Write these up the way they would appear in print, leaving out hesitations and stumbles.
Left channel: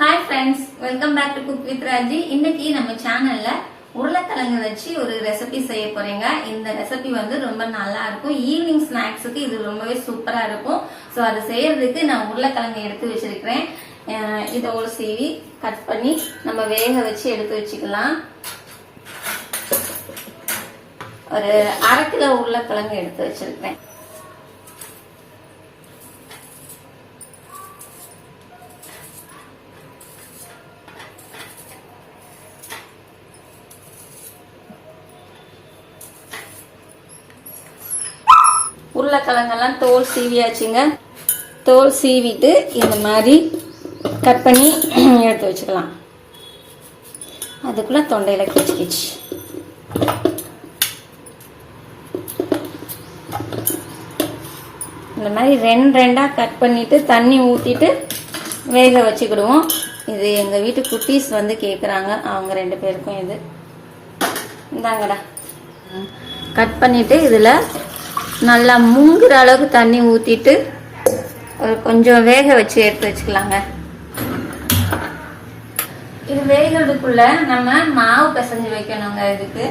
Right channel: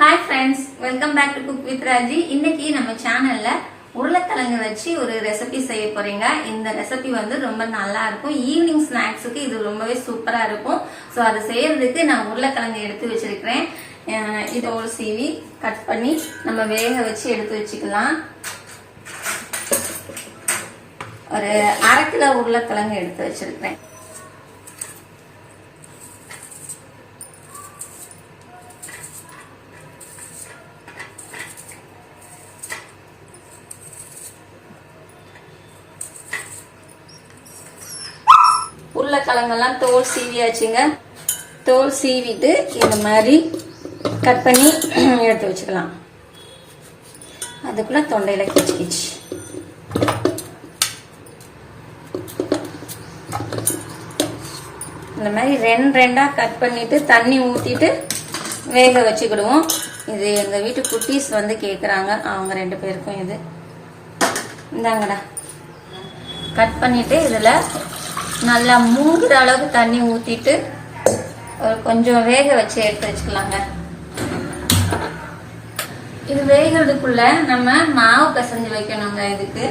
Hi friends, welcome back to cook with Raji. இன்னைக்கு நம்ம சேனல்ல உருளைக்கிழங்கு வச்சு ஒரு ரெசிபி செய்ய போறீங்க. இந்த ரெசிபி வந்து ரொம்ப நல்லா இருக்கும். ஈவினிங் ஸ்நாக்ஸுக்கு இது ரொம்பவே சூப்பரா இருக்கும். ஸோ அது செய்யறதுக்கு நான் உருளைக்கிழங்கு எடுத்து வச்சிருக்கிறேன். இதை ஒரு சீவி கட் பண்ணி நம்ம வேக வச்சு எடுத்து வச்சுக்கலாம். ஒரு 1/2 கிலோ உருளைக்கிழங்கு எடுத்து வச்சிருக்கிறேன். உருளைக்கிழங்கெல்லாம் தோல் சீவியாச்சுங்க. தோல் சீவிட்டு இந்த மாதிரி கட் பண்ணி எடுத்து வச்சுக்கலாம். அதுக்குள்ள தொண்டையில கிச்சு இந்த மாதிரி ரெண்டா கட் பண்ணிட்டு தண்ணி ஊத்திட்டு வேக வச்சுக்கிடுவோம். இது எங்க வீட்டு குட்டீஸ் வந்து கேக்குறாங்க. அவங்க 2 பேருக்கும் இது இந்தாங்கடா. கட் பண்ணிட்டு இதுல நல்லா மூங்குற அளவுக்கு தண்ணி ஊத்திட்டு கொஞ்சம் வேக வச்சு எடுத்து வச்சுக்கலாங்க. இது வேகிறதுக்குள்ள நம்ம மாவு பிசைஞ்சு வைக்கணுங்க. இதுக்கு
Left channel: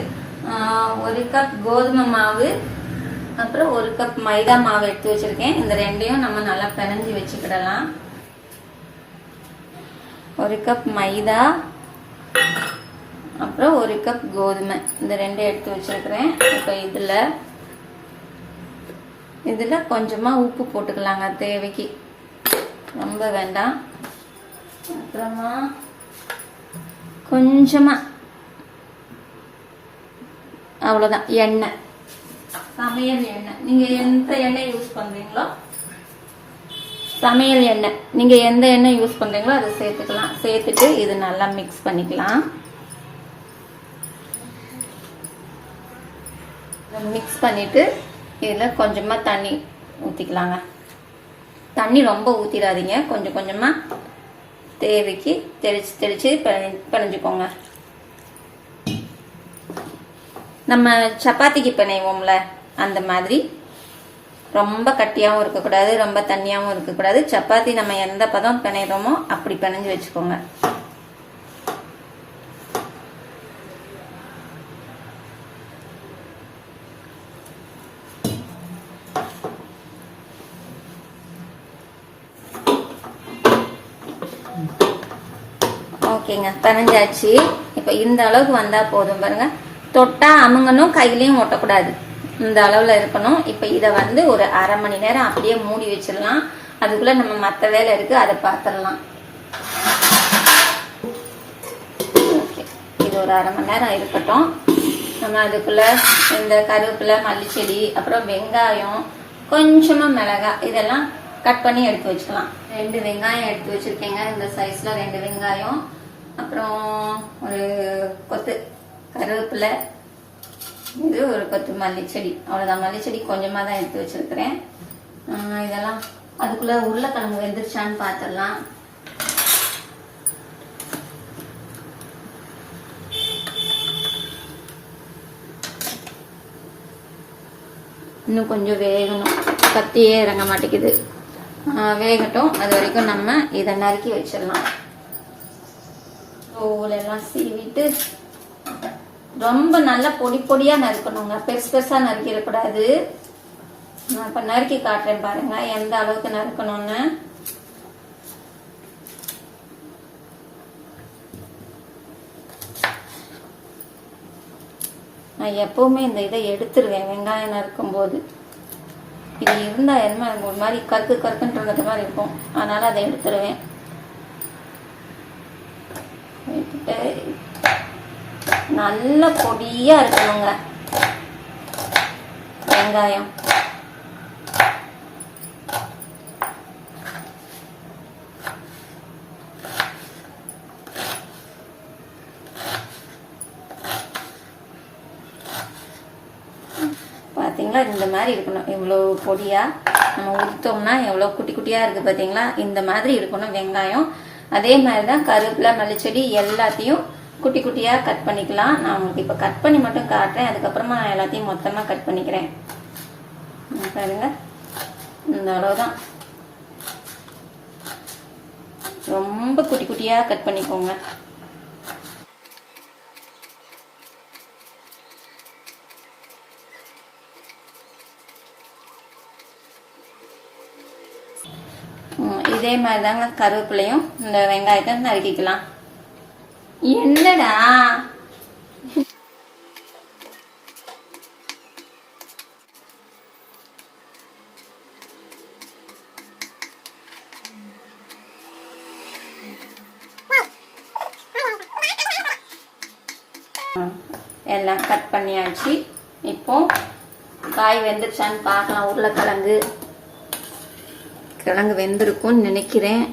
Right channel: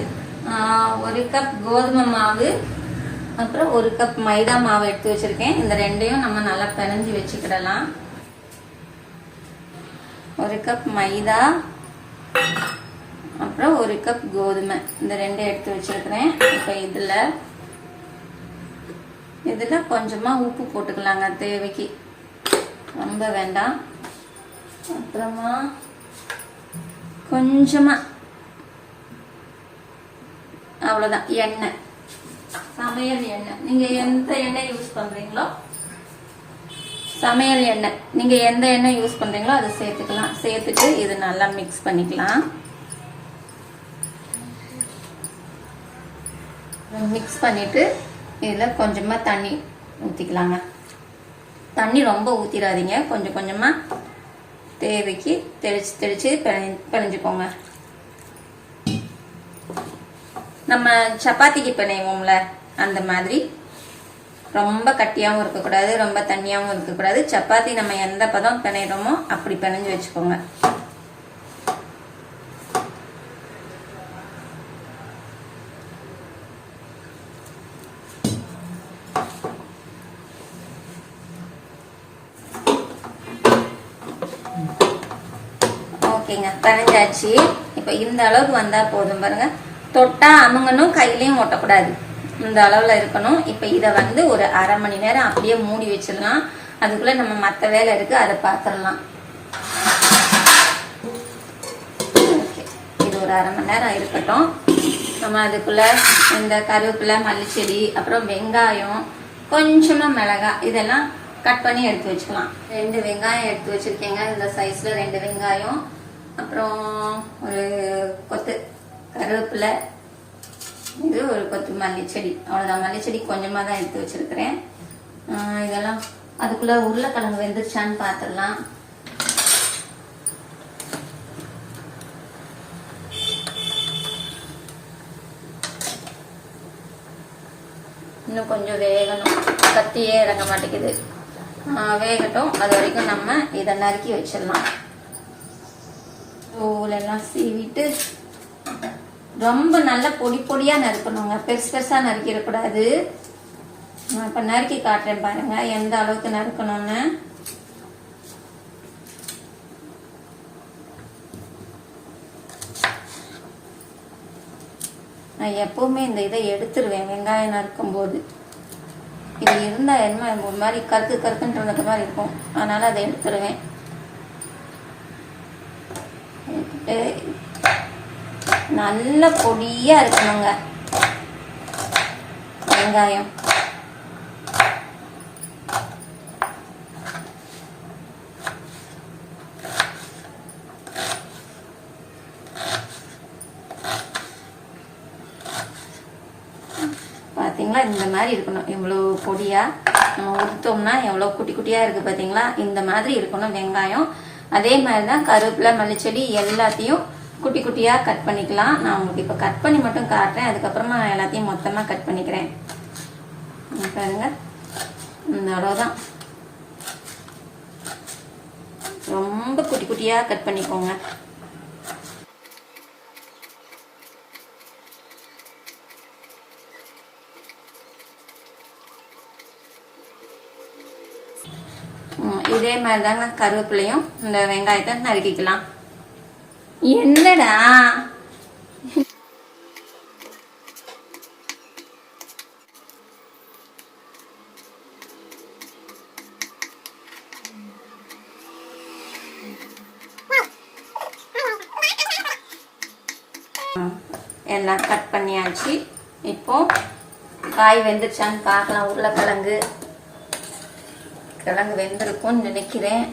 1 கப் கோதுமை மாவு, அப்புறம் 1 கப் மைதா மாவு எடுத்து வச்சிருக்கேன். இந்த ரெண்டையும் நம்ம நல்லா பிசைஞ்சு வச்சுக்கிடலாம். 1 கப் மைதா, அப்புறம் 1 கப் கோதுமை, இந்த ரெண்டையும் எடுத்து வச்சிருக்கிறேன். இப்ப இதுல கொஞ்சமா உப்பு போட்டுக்கலாங்க, தேவைக்கு, ரொம்ப வேண்டாம். அப்புறமா கொஞ்சமா அவ்வளவுதான் எண்ணெய், சமையல் எண்ணெய். நீங்க எந்த எண்ணெய் யூஸ் பண்றீங்களோ, சமையல் எண்ணெய் நீங்க எந்த எண்ணெய் யூஸ் பண்றீங்களோ அதை சேர்த்துக்கலாம். சேர்த்துட்டு இது நல்லா மிக்ஸ் பண்ணிக்கலாம். மிக்ஸ் பண்ணிட்டு இதுல கொஞ்சமா தண்ணி ஊத்திக்கலாங்க. தண்ணி ரொம்ப ஊத்திடாதீங்க, கொஞ்சம் கொஞ்சமா தேவைக்கு தெளிச்சு பிணைஞ்சுக்கோங்க. நம்ம சப்பாத்திக்கு பிணைவோம்ல அந்த மாதிரி ரொம்ப கட்டியாவும் இருக்கக்கூடாது, ரொம்ப தண்ணியாவும் இருக்கக்கூடாது. சப்பாத்தி நம்ம எந்த பதம் பிணைறோமோ அப்படி பிணைஞ்சு வச்சுக்கோங்க. ஓகேங்க, பிணைஞ்சாச்சு. இப்ப இந்த அளவுக்கு வந்தா போதும் பாருங்க. தொட்டா அமுங்கணும், கையிலையும் ஒட்டக்கூடாது, இந்த அளவுல இருக்கணும். இப்ப இத வந்து ஒரு 1/2 மணி நேரம் அப்படியே மூடி வச்சிடலாம். அதுக்குள்ள நம்ம மத்த வேலை இருக்கு, அதை பாத்திரலாம். ஓகே, இது ஒரு 1/2 மணி நேரம் இருக்கட்டும். நம்ம அதுக்குள்ள இந்த கருவேப்பிலை, மல்லிச்செடி, அப்புறம் வெங்காயம், கொஞ்சமா மிளகாய், இதெல்லாம் கட் பண்ணி எடுத்து வச்சுக்கலாம். 2 வெங்காயம் எடுத்து வச்சிருக்கேங்க, இந்த சைஸ்ல 2 வெங்காயம், அப்புறம் ஒரு கொத்து கருவேப்பிலை, இது ஒரு கொத்து மல்லிச்செடி, அவ்வளவுதான். மல்லிச்செடி கொஞ்சமா தான் எடுத்து வச்சிருக்கிறேன். இதெல்லாம் அதுக்குள்ள உருளைக்கிழங்கு வெந்துருச்சான்னு பாத்திரலாம். இன்னும் கொஞ்சம் வேகணும், கத்தியே இறங்க மாட்டேங்குது. வேகட்டும், அது வரைக்கும் நம்ம இதை நறுக்கி வச்சிடலாம். தோலெல்லாம் சீவிட்டு ரொம்ப நல்லா பொடி பொடியா நறுக்கணுங்க, பெருசு பெருசா நறுக்கிடக்கூடாது. நான் இப்ப நறுக்கி காட்டுறேன் பாருங்க எந்த அளவுக்கு நறுக்கணும்னு. நான் எப்பவுமே இந்த இதை எடுத்துருவேன் வெங்காயம் நறுக்கும் போது. இது இருந்தா என்ன ஒரு மாதிரி கருக்குன்றது மாதிரி இருக்கும், அதனால அதை எடுத்துருவேன். நல்ல பொடியா இருக்கணுங்க வெங்காயம். பாத்தீங்களா, இந்த மாதிரி இருக்கணும். இவ்வளவு பொடியா நம்ம உரித்தோம்னா எவ்வளவு குட்டி குட்டியா இருக்கு பாத்தீங்களா, இந்த மாதிரி இருக்கணும் வெங்காயம். அதே மாதிரிதான் கருவேப்பிலை, மல்லிச்செடி எல்லாத்தையும் குட்டி குட்டியா கட் பண்ணிக்கலாம். நான் உங்களுக்கு இப்ப கட் பண்ணி மட்டும் காட்டுறேன், அதுக்கப்புறமா நான் எல்லாத்தையும் மொத்தமா கட் பண்ணிக்கிறேன். பாருங்க, இந்த அளவுதான். ரொம்ப குட்டி குட்டியாக கட் பண்ணிக்கோங்க. இதே மாதிரி தாங்க கருவேப்பிலையும் இந்த வெங்காயத்தை நறுக்கிக்கலாம். என்னடா எல்லாம் கட் பண்ணியாச்சு. இப்போ காய் வெந்துருச்சான்னு பார்க்கலாம். உருளைக்கிழங்கு வெந்திருக்கும்னு நினைக்கிறேன்.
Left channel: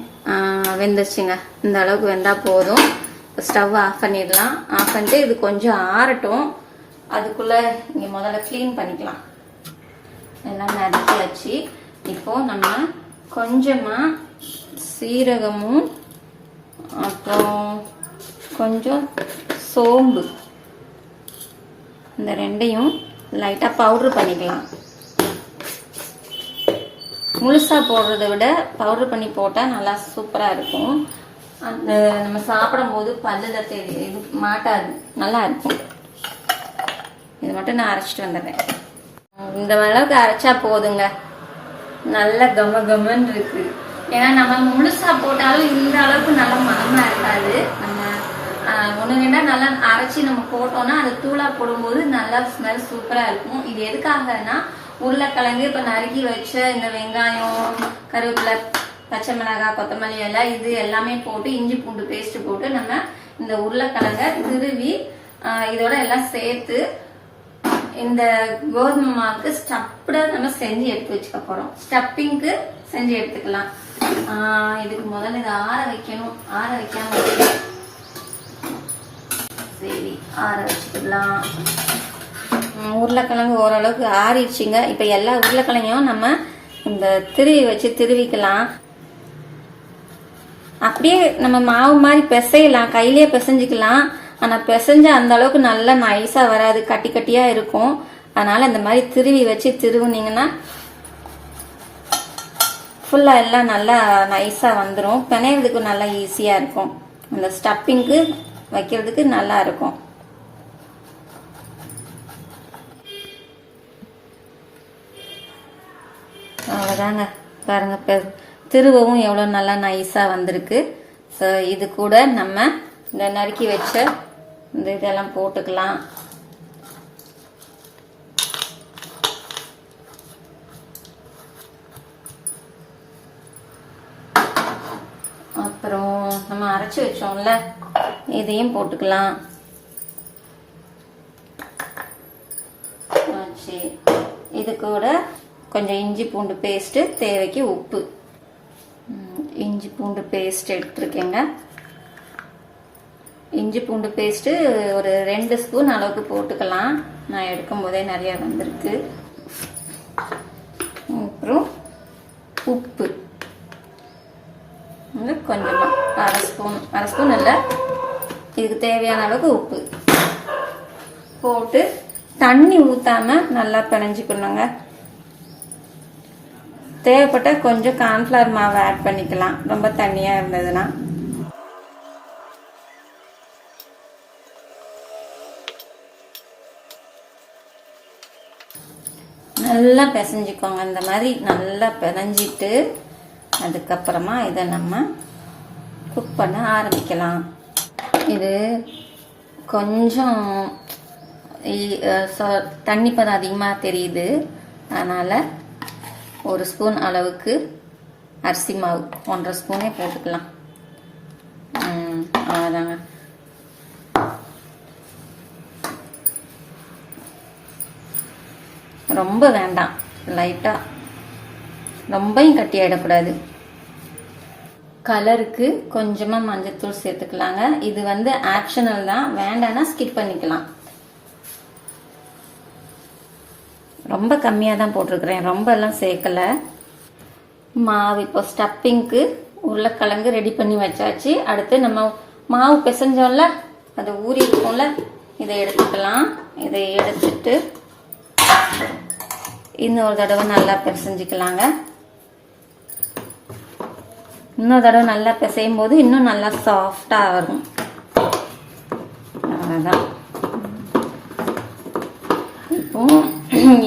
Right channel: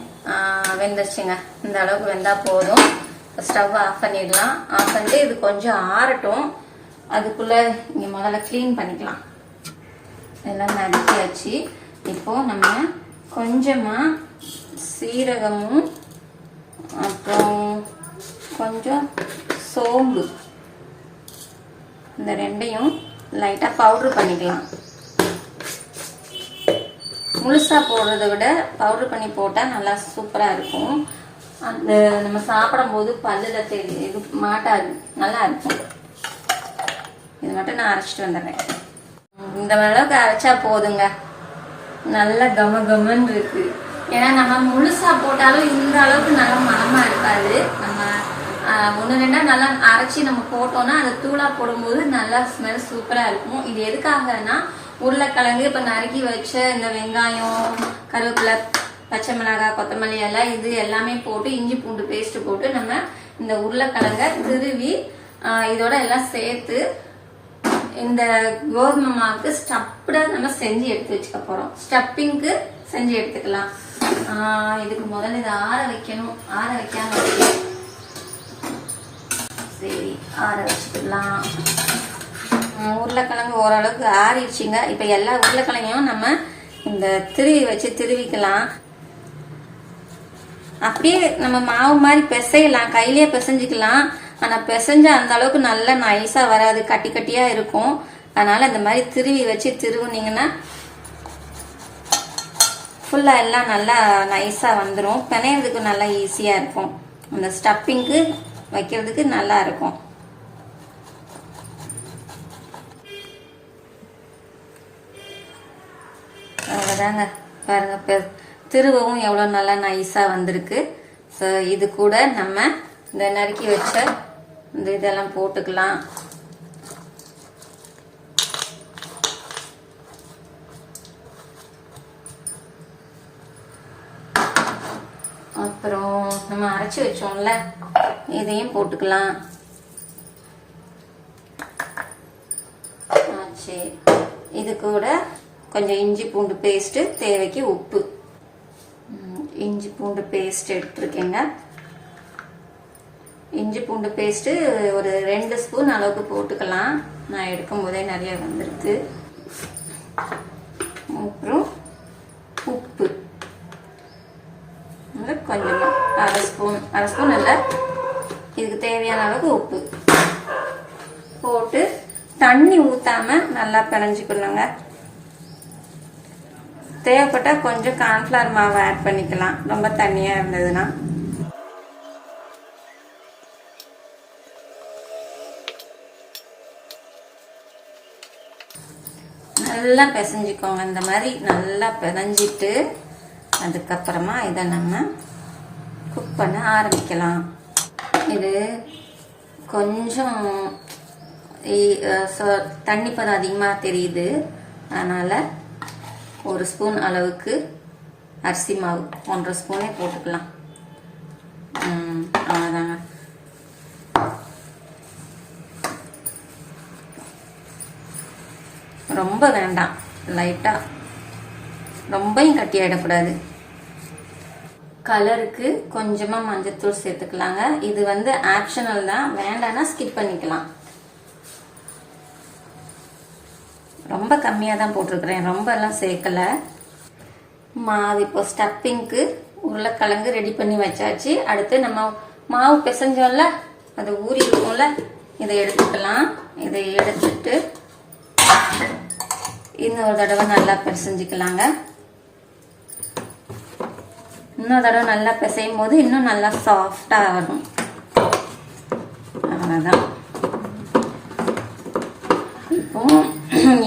வெந்துருச்சுங்க. இந்த அளவுக்கு வெந்தா போதும். ஸ்டவ் ஆஃப் பண்ணிடலாம். ஆஃப் பண்ணிட்டு இது கொஞ்சம் ஆறட்டும். அதுக்குள்ள இங்க முதல்ல கிளீன் பண்ணிக்கலாம். எல்லாம் நறுக்கியாச்சு. இப்போ நம்ம கொஞ்சமா சீரகமும் அப்புறம் கொஞ்சம் சோம்பு இந்த ரெண்டையும் லைட்டா பவுடர் பண்ணிக்கலாம். முழுசா போடுறதை விட பவுடர் பண்ணி போட்டா நல்லா சூப்பரா இருக்கும். அந்த நம்ம சாப்பிடும் போது பல்லுல இது மாட்டாது, நல்லா இருக்கும். இது மட்டும் நான் அரைச்சிட்டு வந்துடுறேன். இந்த அளவுக்கு அரைச்சா போதுங்க. நல்ல கம கமன்னு இருக்கு. ஏன்னா நம்ம முழுசா போட்டாலும் இந்த அளவுக்கு நல்ல மனமா இருக்காது. நம்ம ஒன்று ரெண்டா நல்லா அரைச்சி நம்ம போட்டோம்னா அது தூளா போடும்போது நல்லா ஸ்மெல் சூப்பரா இருக்கும். இது எதுக்காகனா உருளைக்கிழங்கு இப்ப நறுக்கி வச்ச இந்த வெங்காயம், கருவேப்பிலை, பச்சை மிளகாய், கொத்தமல்லி எல்லாம் இது எல்லாமே போட்டு இஞ்சி பூண்டு பேஸ்ட் போட்டு நம்ம இந்த உருளைக்கிழங்க திருவி இதோட எல்லாம் சேர்த்து இந்த கோதுமை மாவுக்கு ஸ்டப்ட நம்ம செஞ்சு எடுத்து வச்சுக்க போறோம். ஸ்டப்பிங்க்கு செஞ்சு எடுத்துக்கலாம். இதுக்கு முதல்ல இதை ஆற வைக்கணும். ஆற வைக்காம சரி ஆற வச்சுக்கலாம். உருளைக்கிழங்கு ஓரளவுக்கு ஆறிடுச்சுங்க. இப்ப எல்லா உருளைக்கிழங்கையும் நம்ம இந்த திருவி வச்சு திருவிக்கலாம். அப்படியே நம்ம மாவு மாதிரி பிசையலாம், கையிலேயே பிசைஞ்சுக்கலாம். ஆனா பிசைஞ்ச அந்த அளவுக்கு நல்லா நைஸா வராது, கட்டி கட்டியா இருக்கும். அதனால இந்த மாதிரி திருவி வச்சு திருவுனீங்கன்னா ஃபுல்லா எல்லாம் நல்லா நைஸா வந்துடும். பிணையறதுக்கு நல்லா ஈஸியா இருக்கும். அந்த ஸ்டப்பிங்க்கு வைக்கிறதுக்கு நல்லா இருக்கும். அவ்வளோதாங்க. பாருங்க திருவவும் எவ்வளோ நல்லா நைஸாக வந்திருக்கு. ஸோ இது கூட நம்ம இந்த நறுக்கி வச்ச இந்த இதெல்லாம் போட்டுக்கலாம். அப்புறம் நம்ம அரைச்சி வச்சோம்ல இதையும் போட்டுக்கலாம். இது கூட கொஞ்சம் இஞ்சி பூண்டு பேஸ்ட், தேவைக்கு உப்பு. இஞ்சி பூண்டு பேஸ்ட் எடுத்துருக்கேங்க. இஞ்சி பூண்டு பேஸ்ட் ஒரு 2 ஸ்பூன் அளவுக்கு போட்டுக்கலாம். நான் எடுக்கும் போதே நிறைய வந்திருக்கு. அப்புறம் உப்பு கொஞ்சமா அரை ஸ்பூன் இல்ல, இதுக்கு தேவையான அளவுக்கு உப்பு போட்டு தண்ணி ஊத்தாம நல்லா பிணைஞ்சுக்கணுங்க. தேவைப்பட்டா கொஞ்சம் கார்ன்ஃபிளவர் மாவு ஆட் பண்ணிக்கலாம், ரொம்ப தண்ணியா இருந்ததுன்னா. நல்லா பிசைஞ்சுக்கோங்க. இந்த மாதிரி நல்லா பிசைஞ்சிட்டு அதுக்கப்புறமா இதை நம்ம குக் பண்ண ஆரம்பிக்கலாம். இது கொஞ்சம் தண்ணி பதம் அதிகமாக தெரியுது. அதனால 1 ஸ்பூன் அளவுக்கு அரிசி மாவு, 1.5 ஸ்பூனே போட்டுக்கலாம். அவ்வளோதாங்க. ரொம்ப வேண்டாம், லைட்டா, ரொம்பவும் கட்டி ஆயிடக்கூடாது. கலருக்கு கொஞ்சமா மஞ்சத்தூள் சேர்த்துக்கலாங்க. இது வந்து ஆப்ஷனல் தான், வேண்டாம்னா ஸ்கிப் பண்ணிக்கலாம். ரொம்ப கம்மியா தான் போட்டிருக்கிறேன், ரொம்ப எல்லாம் சேர்க்கல. மாவு இப்போ ஸ்டப்பிங்க்கு உருளைக்கிழங்கு ரெடி பண்ணி வச்சாச்சு. அடுத்து நம்ம மாவு பிசைஞ்சோம்ல, அது ஊறி இருக்கும்ல, இதை எடுத்துக்கலாம். இதை எடுத்துட்டு இன்னொரு தடவை நல்லா பிசைஞ்சுக்கலாங்க. இன்னொரு தடவை நல்லா பிசையும் போது இன்னும் நல்லா சாஃப்டாக வரும். அவ்வளோதான். இப்போ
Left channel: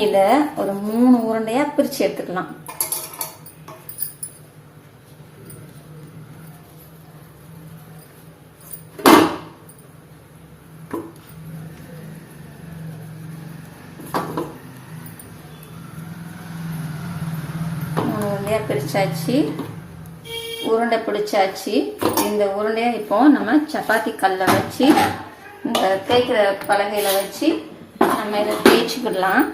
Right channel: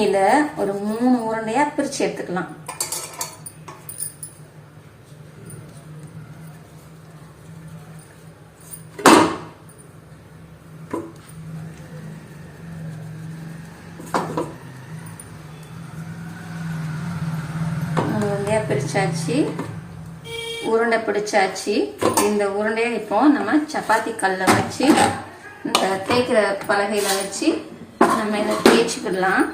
இதை ஒரு 3 உருண்டையாக பிரித்து எடுத்துக்கலாம். உருண்டையாக பிரிச்சாச்சு, உருண்டை பிடிச்சாச்சு. இந்த உருண்டையை இப்போ நம்ம சப்பாத்தி கல்லை வச்சு இந்த தேய்க்கிற பலகையில் வச்சு நம்ம இதை தேய்ச்சிக்கிடலாம்.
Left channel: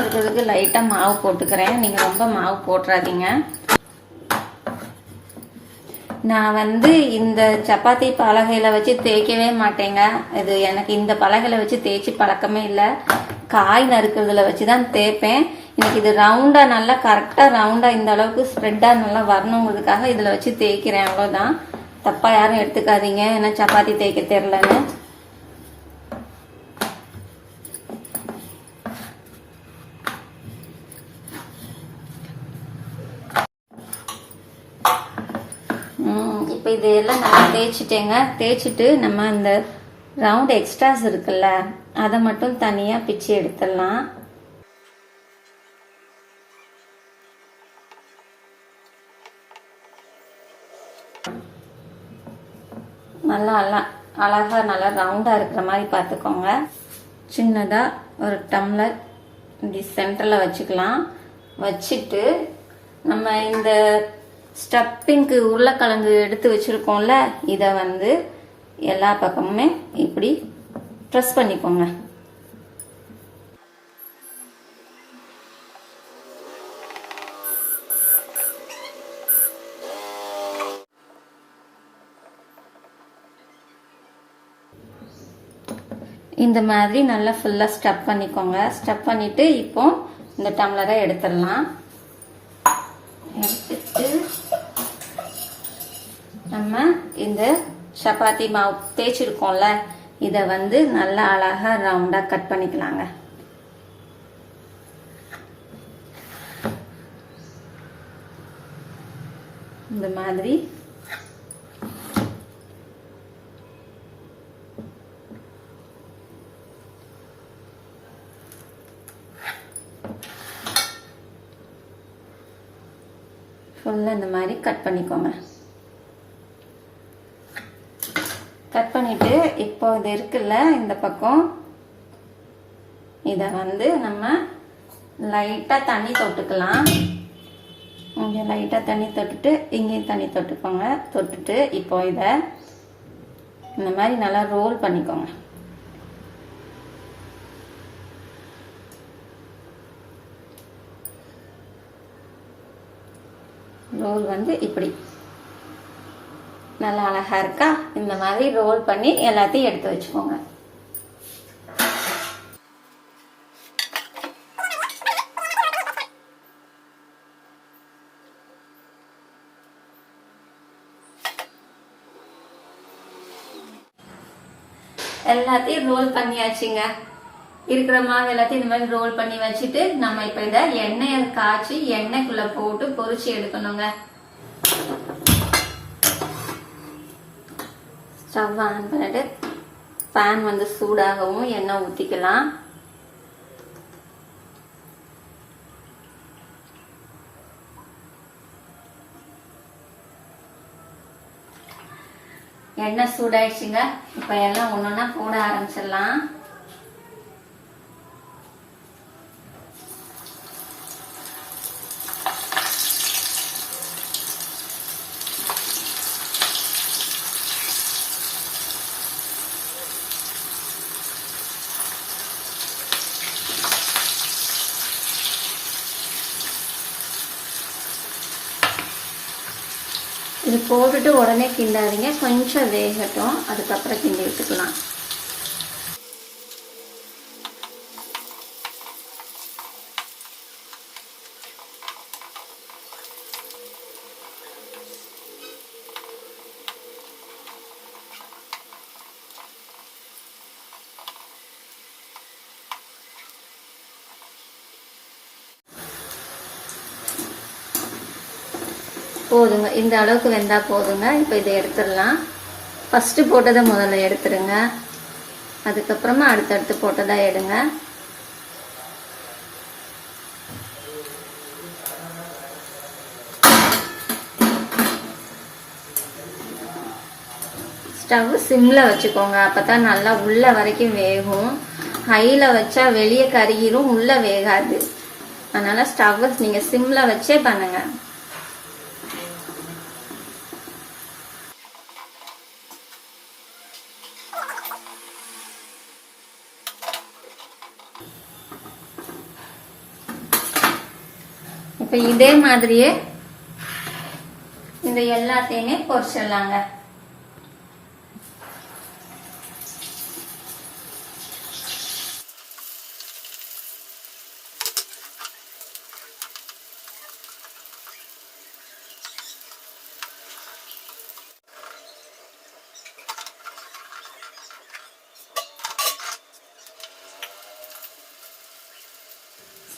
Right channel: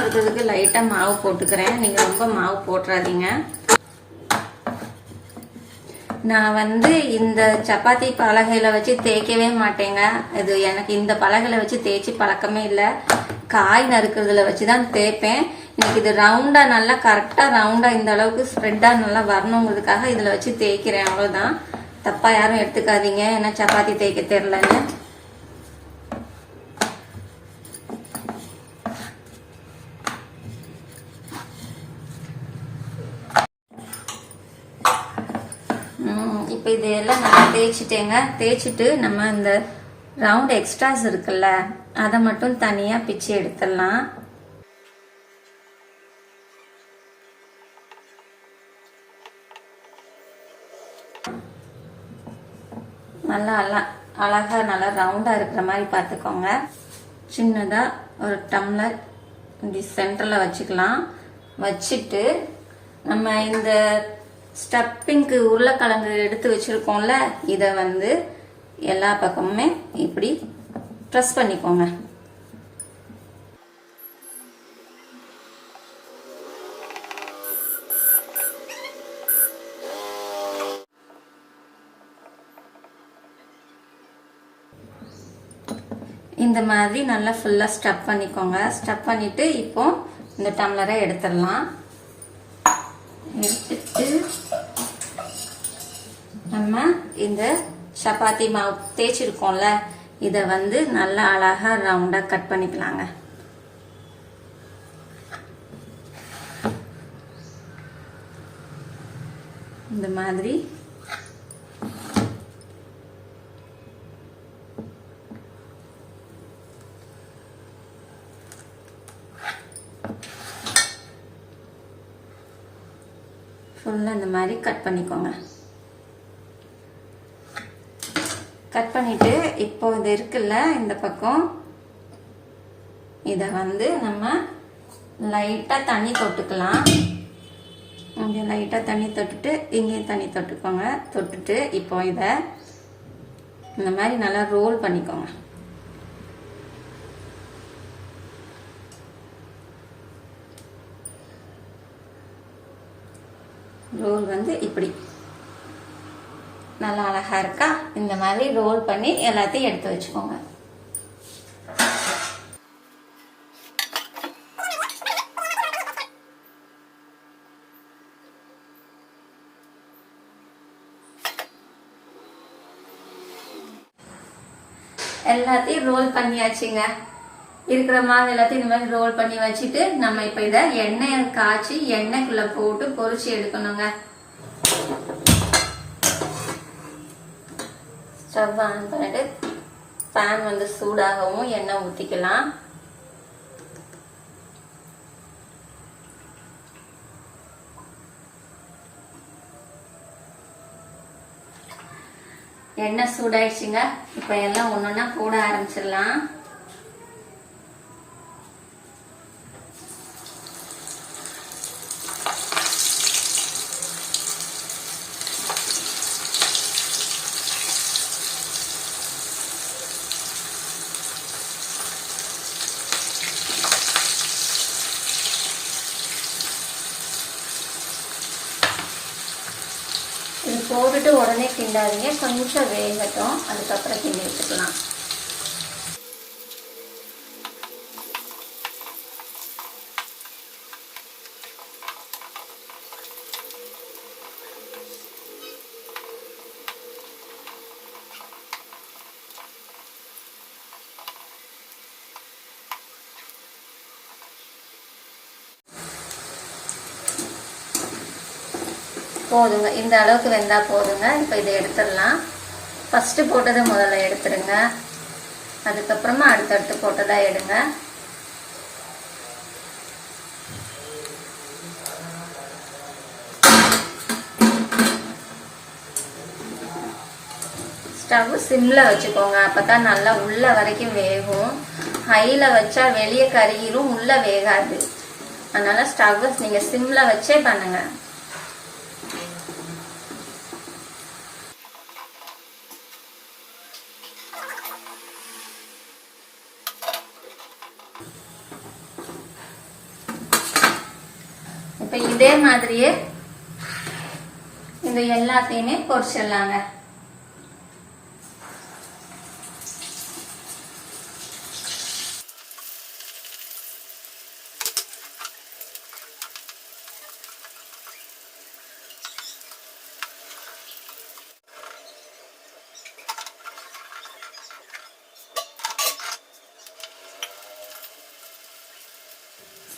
இருக்கிறதுக்கு லைட்டாக மாவு போட்டுக்கிறேன். நீங்கள் ரொம்ப மாவு போட்டுறாதீங்க. நான் இந்த சப்பாத்தி பலகையில் வச்சு தேய்க்கவே மாட்டேங்க. இது எனக்கு இந்த பலகையில் வச்சு தேய்ச்சி பழக்கமே இல்லை. காய் நறுக்கிறதுல வச்சு தான் தேய்ப்பேன். இன்னைக்கு இது ரவுண்டாக நல்லா கரெக்டாக ரவுண்டாக இந்த அளவுக்கு ஸ்ப்ரெட்டாக நல்லா வரணுங்கிறதுக்காக இதில் வச்சு தேய்க்கிறேன். அவ்வளோதான். தப்பாக யாரும் எடுத்துக்காதீங்க, ஏன்னா சப்பாத்தி தேய்க்க தெரிலன்னு. இப்போ இதெல்லாம் நல்லா தேய்ச்சிட்டேங்க. தேய்ச்சிட்டு நம்ம இந்த ரவுண்ட் எக்ஸ்ட்ராஸ் இருக்குல்ல, அதை மட்டும் தனியாக பிச்சு எடுத்துடலாம். நல்லா அழகாக நல்லா ரவுண்டாக இருக்கிற மாதிரி பார்த்துக்கோங்க. சின்னதாக ஒரு டம்ளர் இப்படி சென்டரில் வச்சுக்கலாம். வச்சுட்டு நம்ம இந்த ஸ்டப்பிங்க்கு உருளைக்கிழங்கு எடுத்து வச்சுருக்கோம்ல, இதை எல்லா பக்கமுமே இப்படி ப்ரெஸ் பண்ணிக்கோங்க. இந்த மாதிரி நல்லா ஃபுல்லாக ஸ்டப் பண்ணிக்கோங்க. ஸ்டப் பண்ணிவிட்டு இப்போ இந்த டம்ளரை எடுத்துடலாம். எடுத்துட்டு நம்ம இந்த சப்பாத்தி மாவு தேய்ச்சிருக்கோம்ல, இதை நல்லா அழகா ரவுண்டா கட் பண்ணிக்கலாங்க. இந்த மாதிரி ஃபுல்லாக இந்த மாதிரி கட் பண்ணிக்கோங்க. கட் பண்ணிட்டு இப்போ இது இருக்குல்ல, இந்த பக்கம் இதை நம்ம லைட்டாக தண்ணி தொட்டுக்கலாம். இங்கே லைட்டாக தண்ணி தொட்டுட்டு இங்கேயும் தண்ணி தொட்டுக்கோங்க. தொட்டுட்டு இப்போ இதை இந்த மாதிரி நல்லா ரோல் பண்ணிக்கோங்க. ரோல் இப்படி நல்லா அழகா இருக்கா? இந்த மாதிரி ரோல் பண்ணி எல்லாத்தையும் எடுத்து வச்சுக்கோங்க. எல்லாத்தையும் ரோல் பண்ணியாச்சுங்க. இருக்கிற மாவு எல்லாத்தையும் இந்த மாதிரி ரோல் பண்ணி வச்சுட்டு நம்ம இப்ப இதை எண்ணெயை காய்ச்சி எண்ணெய்க்குள்ள போட்டு பொரிச்சு எடுக்கணுங்க. ஸ்டவ் ஆன் பண்ணிட்டு பேன் சூடாகவும் எண்ணெய் ஊற்றிக்கலாம். எண்ணெய் சூடாயிடுச்சுங்க. இப்ப எல்லாம் ஒன்னொன்னா போட ஆரம்பிச்சிடலாம். இது போட்டுட்டு உடனே கிண்டாதீங்க, கொஞ்சம் வேகட்டும், அதுக்கப்புறம் கிண்டி வச்சுக்கலாம். போதுங்க, இந்த அளவுக்கு வெந்தா போதுங்க. இப்போ இதை எடுத்துடலாம். ஃபர்ஸ்ட் போட்டதை முதல்ல எடுத்துருங்க, அதுக்கப்புறமா அடுத்தடுத்து போட்டதா எடுங்க. ஸ்டவ் சிம்ல வச்சுக்கோங்க, அப்பதான் நல்லா உள்ள வரைக்கும் வேகும். ஹைல வச்சா வெளியே கருகிரும், உள்ள வேகாது. அதனால ஸ்டவ் நீங்க சிம்ல வச்சே பண்ணுங்க. இப்ப இதே மாதிரியே இந்த எல்லாத்தையுமே பொரிச்சிடலாங்க.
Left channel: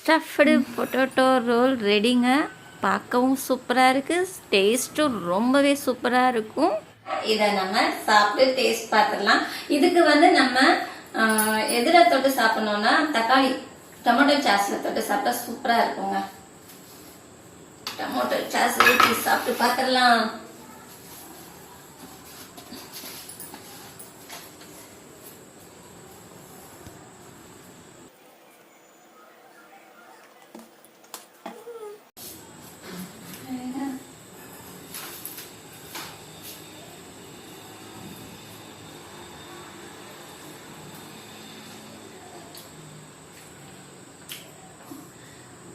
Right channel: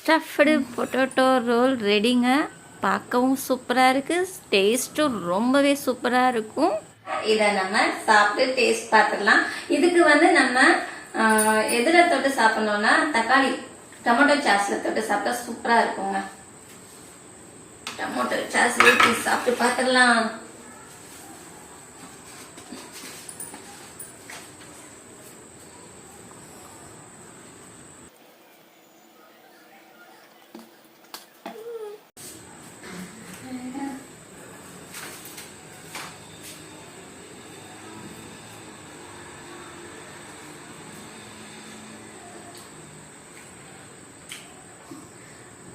ஸ்டஃப்டு பொட்டேட்டோ ரோல் ரெடிங்க. பார்க்கவும் சூப்பராக இருக்குது, டேஸ்ட்டும் ரொம்பவே சூப்பராக இருக்கும். இதை நம்ம சாப்பிட்டு டேஸ்ட் பார்த்துடலாம். இதுக்கு வந்து நம்ம எதில் தொட்டு சாப்பிடணும்னா தக்காளி டொமேட்டோ சாஸில் தொட்டு சாப்பிட்டா சூப்பராக இருக்குங்க. டொமேட்டோ சாஸ் ஊற்றி சாப்பிட்டு பார்த்துடலாம்.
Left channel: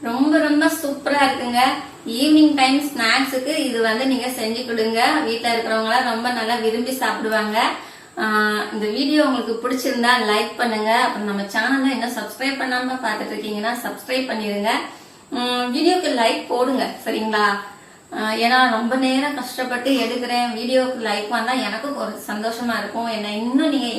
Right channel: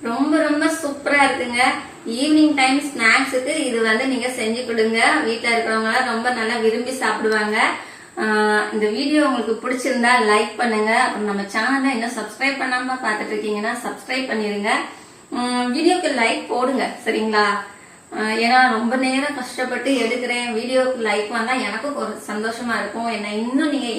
ரொம்ப ரொம்ப சூப்பரா இருக்குங்க. ஈவினிங் டைம் ஸ்நாக்ஸுக்கு இது வந்து நீங்க செஞ்சு கொடுங்க. வீட்டுல இருக்கிறவங்க எல்லாம் ரொம்ப நல்லா விரும்பி சாப்பிடுவாங்க. இந்த வீடியோ உங்களுக்கு பிடிச்சிருந்தா லைக் பண்ணுங்க. அப்புறம் நம்ம சேனலை இன்னும் சப்ஸ்கிரைப் பண்ணாம பாத்துட்டு இருக்கீங்கன்னா சப்ஸ்கிரைப் பண்ணிருங்க. வீடியோக்கு லைக் போடுங்க, சரிங்களா? ஏன்னா ரொம்ப நேரம் கஷ்டப்பட்டு எடுக்கிறேன், வீடியோக்கு லைக் வந்தா எனக்கும் ஒரு சந்தோஷமா இருக்கும். என்ன இன்னும் நீங்க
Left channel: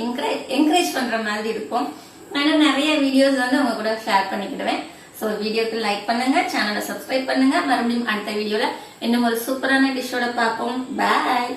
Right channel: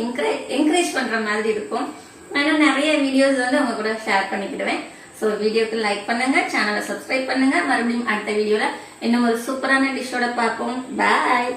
என்கரேஜ் பண்ற மாதிரி இருக்கும். நான் இன்னும் நிறைய வீடியோஸ் வந்து உங்க கூட ஷேர் பண்ணிக்கிடுவேன். ஸோ வீடியோக்கு லைக் பண்ணுங்க, சேனலை சப்ஸ்கிரைப் பண்ணுங்க. மறுபடியும் அடுத்த வீடியோல இன்னும் ஒரு சூப்பரான டிஷ்ஷோட பார்ப்போம். பாய்.